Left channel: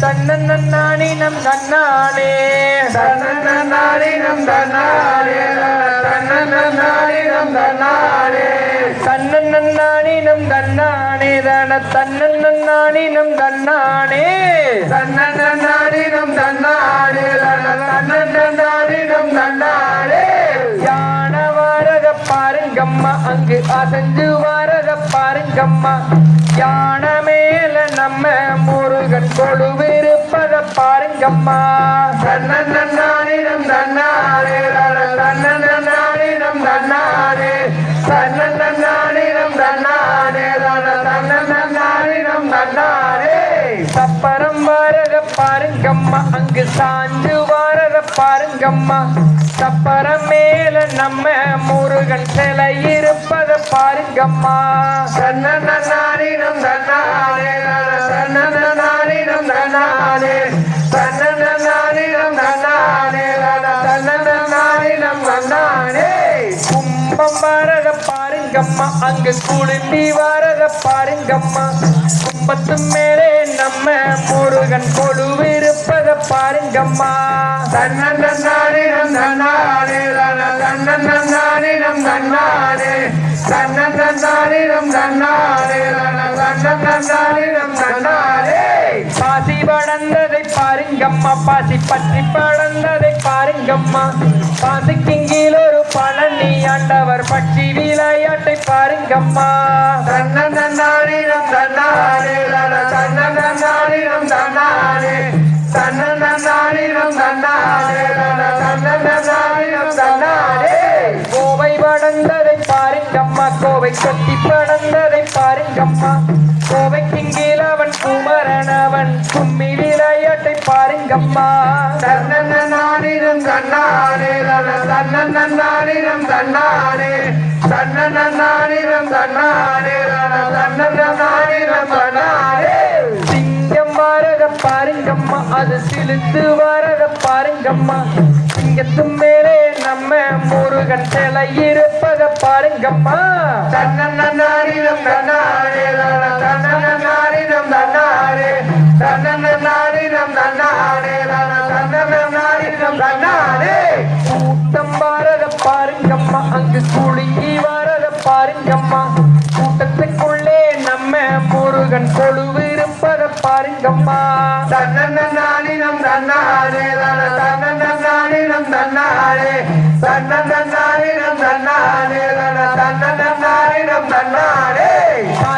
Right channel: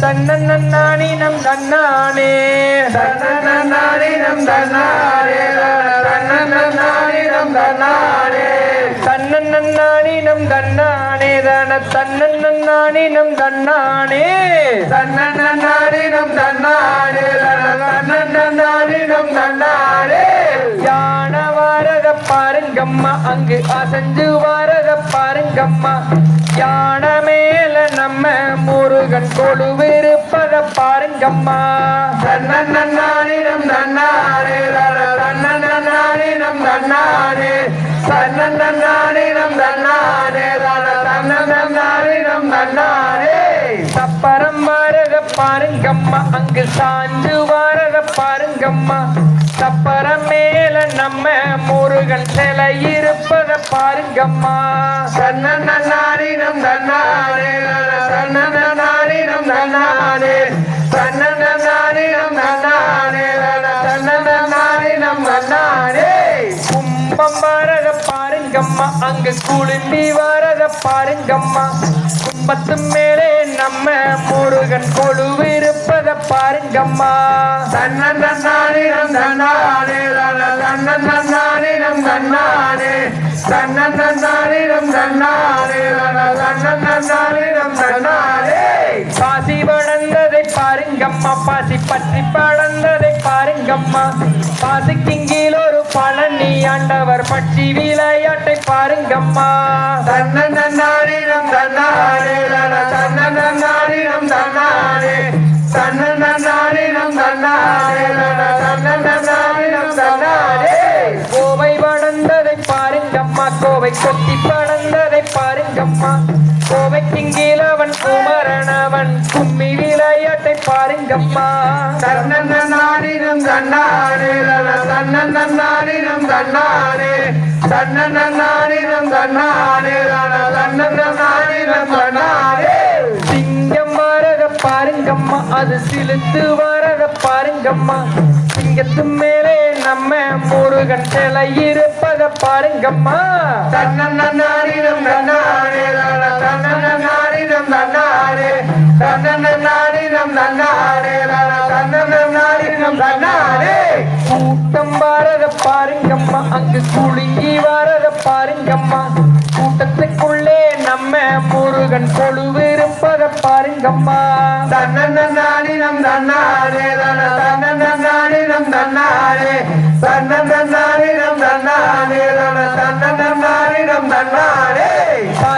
தன்னன்னானினம் தன்னானே. தன்னன்னானினம் தன்னானே. தன்னன்னானினம் தன்னானே. தன்னன்னானினம் தன்னானே. தன தன்னன்னானினம் தன்னானே. தன்னன்னானினம் தன்னானே. தன்னன்னானினம் தன்னானே. யான வாரத பாருங்கம்மா. அங்கு அசஞ்சு வாரத பாருங்கம்மா. யான பாருங்கம்மா தன்னன்னானினம் தன்னானே தன்னன்னானினம் தன்னானே தன்னன்னானினம் தன்னானே தன்னன்னானினம் தன்னானே சப்பரம் வரத பாருங்கம்மா. அங்கு சாஞ்சு வரத பாருங்கம்மா. சப்பரம் பாருங்கம்மா. அங்கு குளிர்ந்தி வரத பாருங்கம்மா. கும்பத்து மேலே நம்ம முருகன் கொழுவிருப்பத பாருங்கம்மா. தன்னன்னானினம் தன்னானே தன்னன்னானினம் தன்னானே தன்னன்னானினம் தன்னானே தன்னன்னானினம் தன்னானே பாசி வளர்ந்ததை பாருங்கம்மா. பாசி பற்றி பழந்ததை பாருங்கம்மா கீழ் ஒரு பழனி ஆண்டவர் பட்சி விளையாட்டை பாருங்கம்மா. தன்னன்னானினம் தன்னானே தன்னன்னானினம் தன்னானே தன்னன்னானினம் தன்னானே தன்னன்னானினம் தன்னானே கோவை வளர்ந்ததை பாருங்கம்மா. கோவை கொத்தி பழந்ததை பாருங்கம்மா. கோவைக்கு கீழ் தன்னன்னானினம் தன்னானே தன்னன்னானினம் தன்னானே சிங்கம் வரக பாருங்கம்மா அது சிலுத்து வரக பாருங்கம்மா சிங்கத்து மேலே நம்ம முருகன் சிலை இருப்பக பாருங்கம்மா தன்னன்னானினம் தன்னானே தன்னன்னானினம் தன்னானே தன்னன்னானினம் தன்னானே தன்னன்னானினம் தன்னானே கூட்டம் பாருங்கம்மா அங்கு குலுங்கி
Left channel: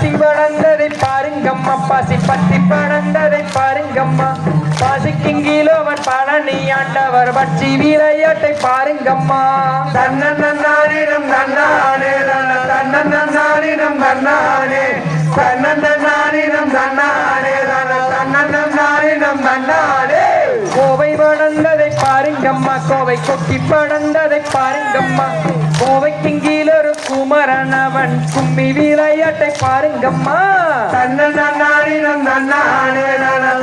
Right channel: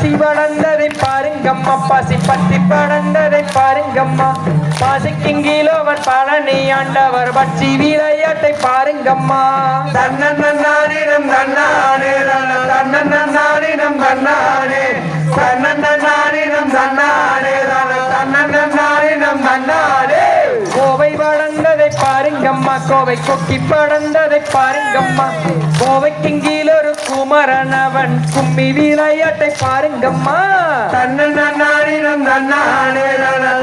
பாசி வளர்ந்ததை பாருங்கம்மா. பாசி பத்தி படர்ந்ததை பாருங்கம்மா பாசிக்கு கீழவன் பழனி ஆண்டவர் பட்சி விளையாட்டை பாருங்கம்மா. தன்னன்னானினம் தன்னானே தன்னன்னானினம் தன்னானே பாருங்கம்மா கோவை கொக்கி படர்ந்ததை பாருங்கம்மா. கோவைக்கு கீழ் ஒரு குமரன் அவன் கும்மி விளையாட்டை பாருங்கம்மா. தன்னானே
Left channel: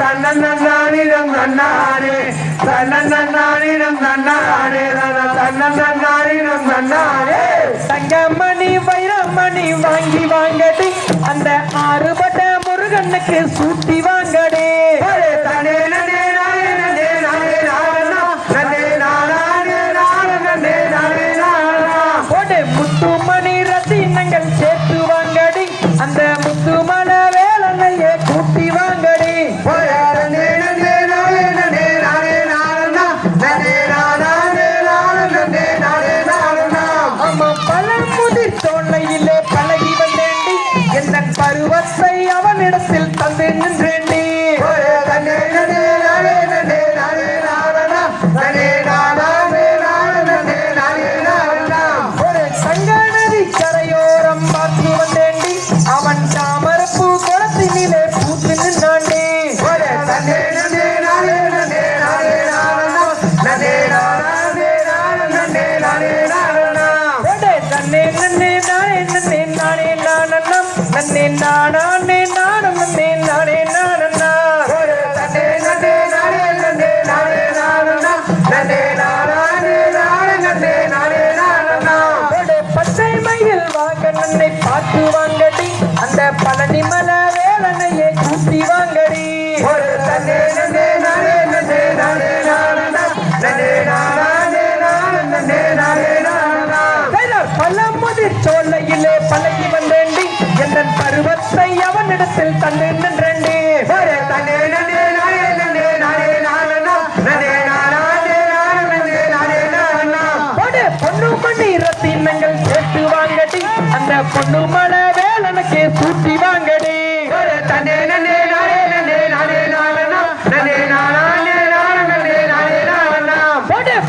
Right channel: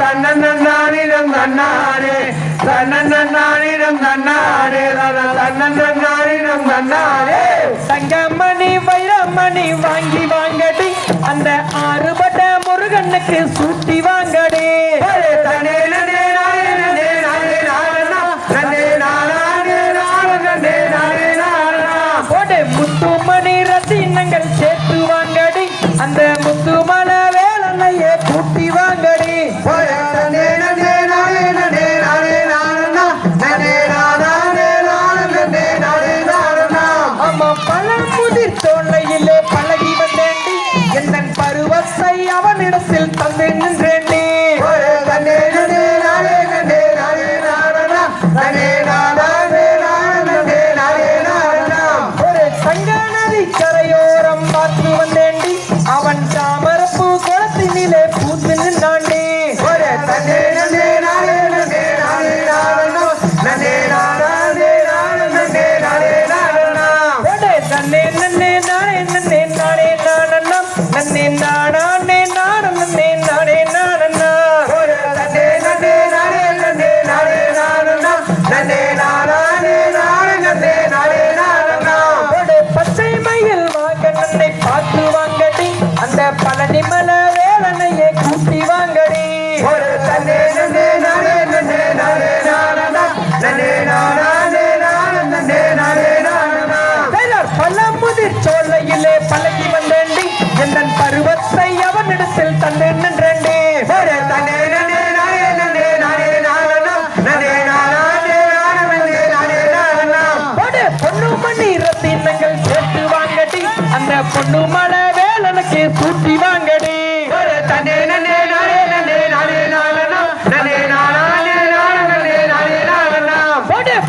தன்னன்னானினம் தன்னானே தன்னன்னானினம் தன்னானே தன்னன்னானினம் தன்னானே தங்கமணி வைரமணி வாங்கி வாங்கடி. அந்த ஆறுபட்ட முருகனுக்கு சூட்டி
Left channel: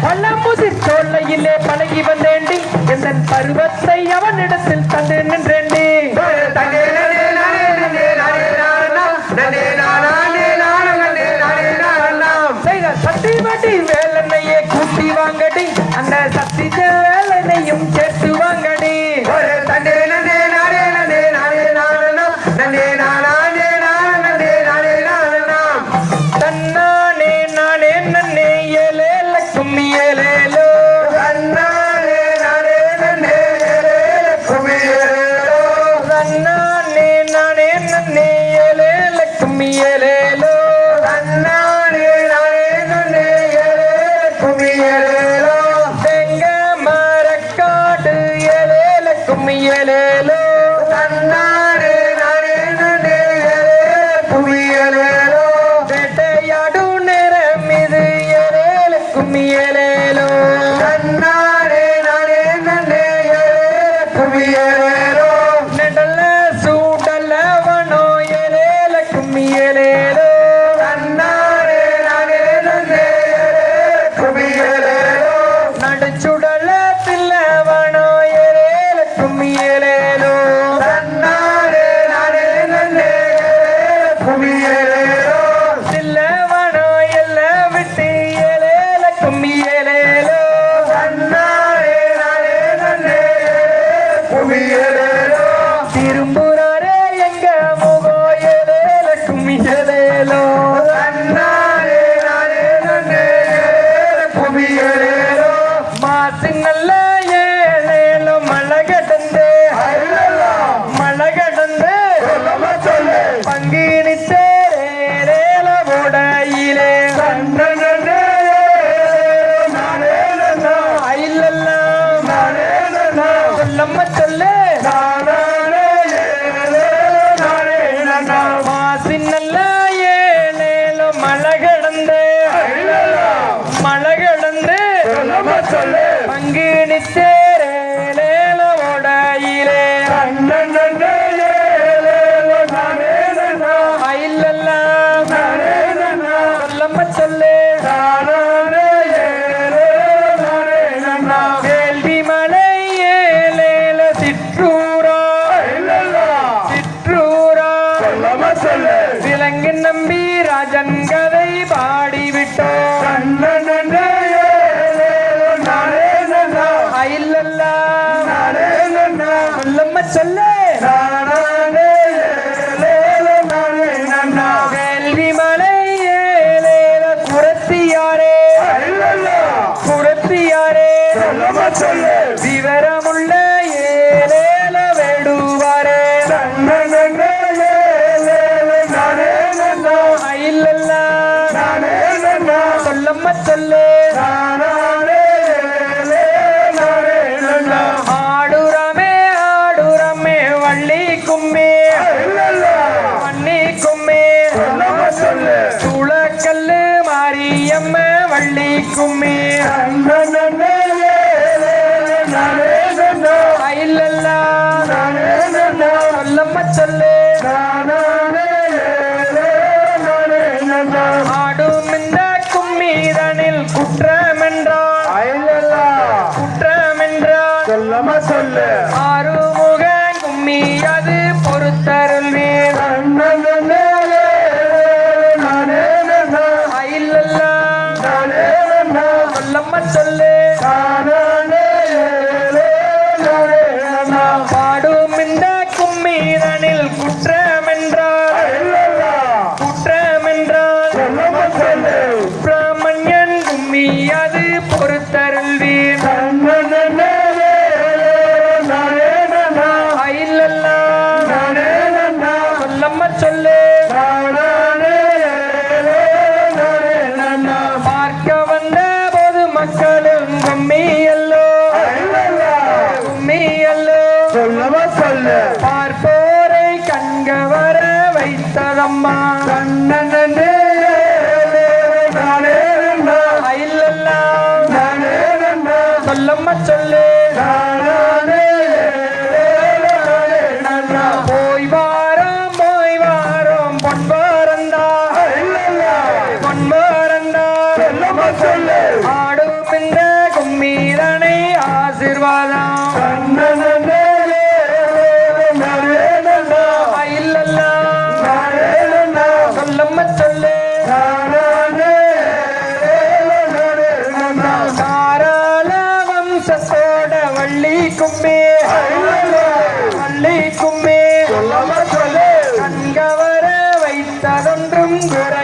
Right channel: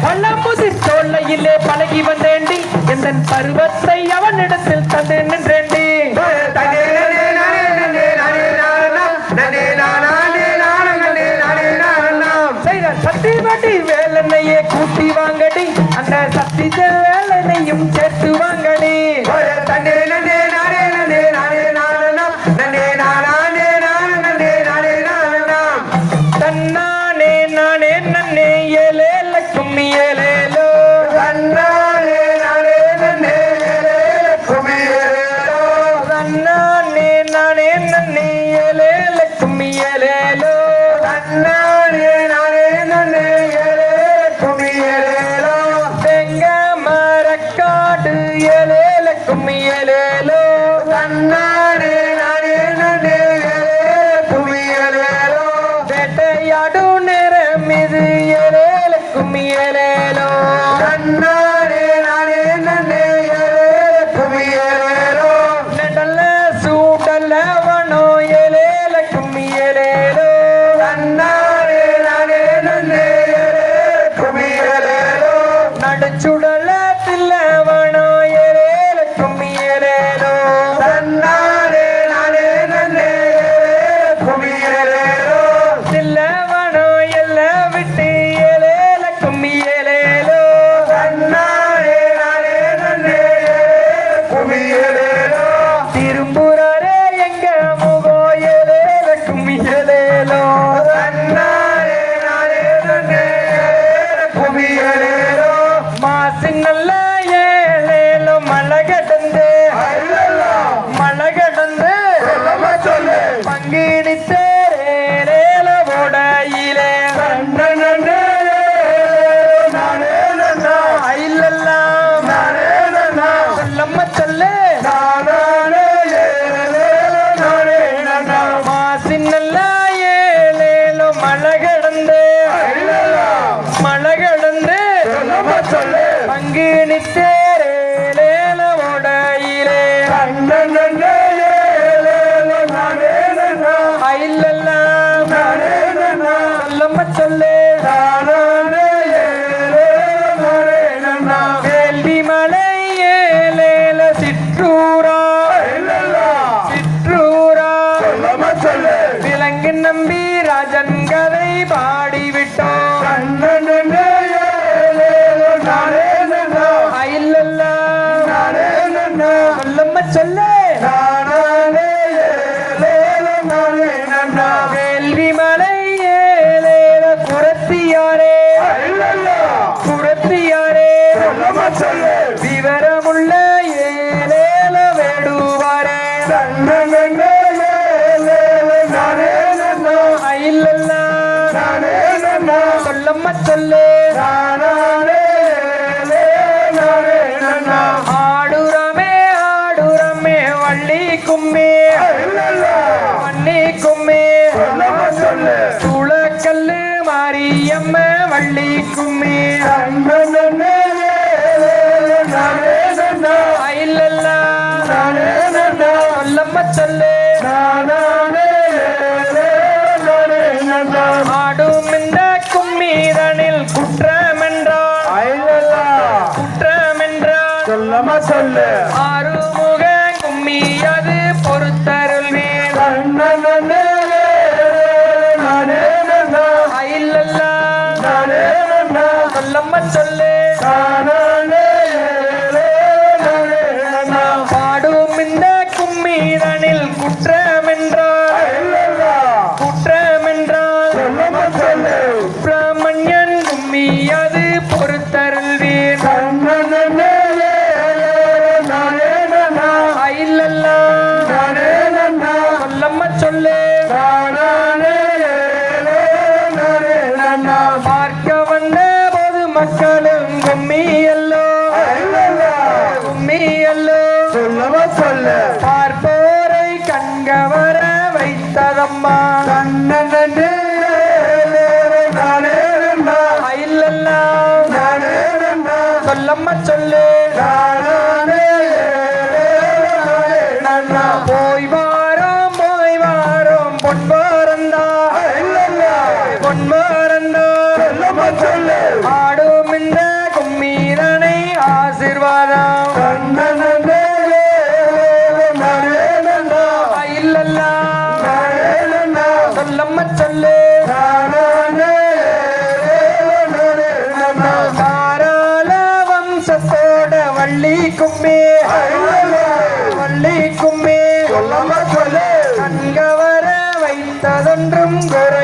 கள்ளமுசிர் தோல்லையிலே பழகி வந்தேண்டி எந்த பருவத்தை for me. மலை எழுந்து சொல்லு. பங்கினி தேரேல உடையிலே சொல்லம்மா சொல்லு. வேள்வி மலை ஏலேல சிற்றூரா. சிற்றூரா விலங்கு நம்பி ராஜன் tell you. குற்றமென்றால் குற்றமென்றால் சொல்லமா சொல்லு. ஆறுமுக கும்மி அது பொறுத்தருள் சொல்லம்மா சொல்லு. பாடும் இந்த கும்மி குற்ற மக்களும் கும்மியல் சத்தத்தோட வள்ளி கும்பி. வள்ளி கும்பி. அங்கவர வைத்ததென்றும் குர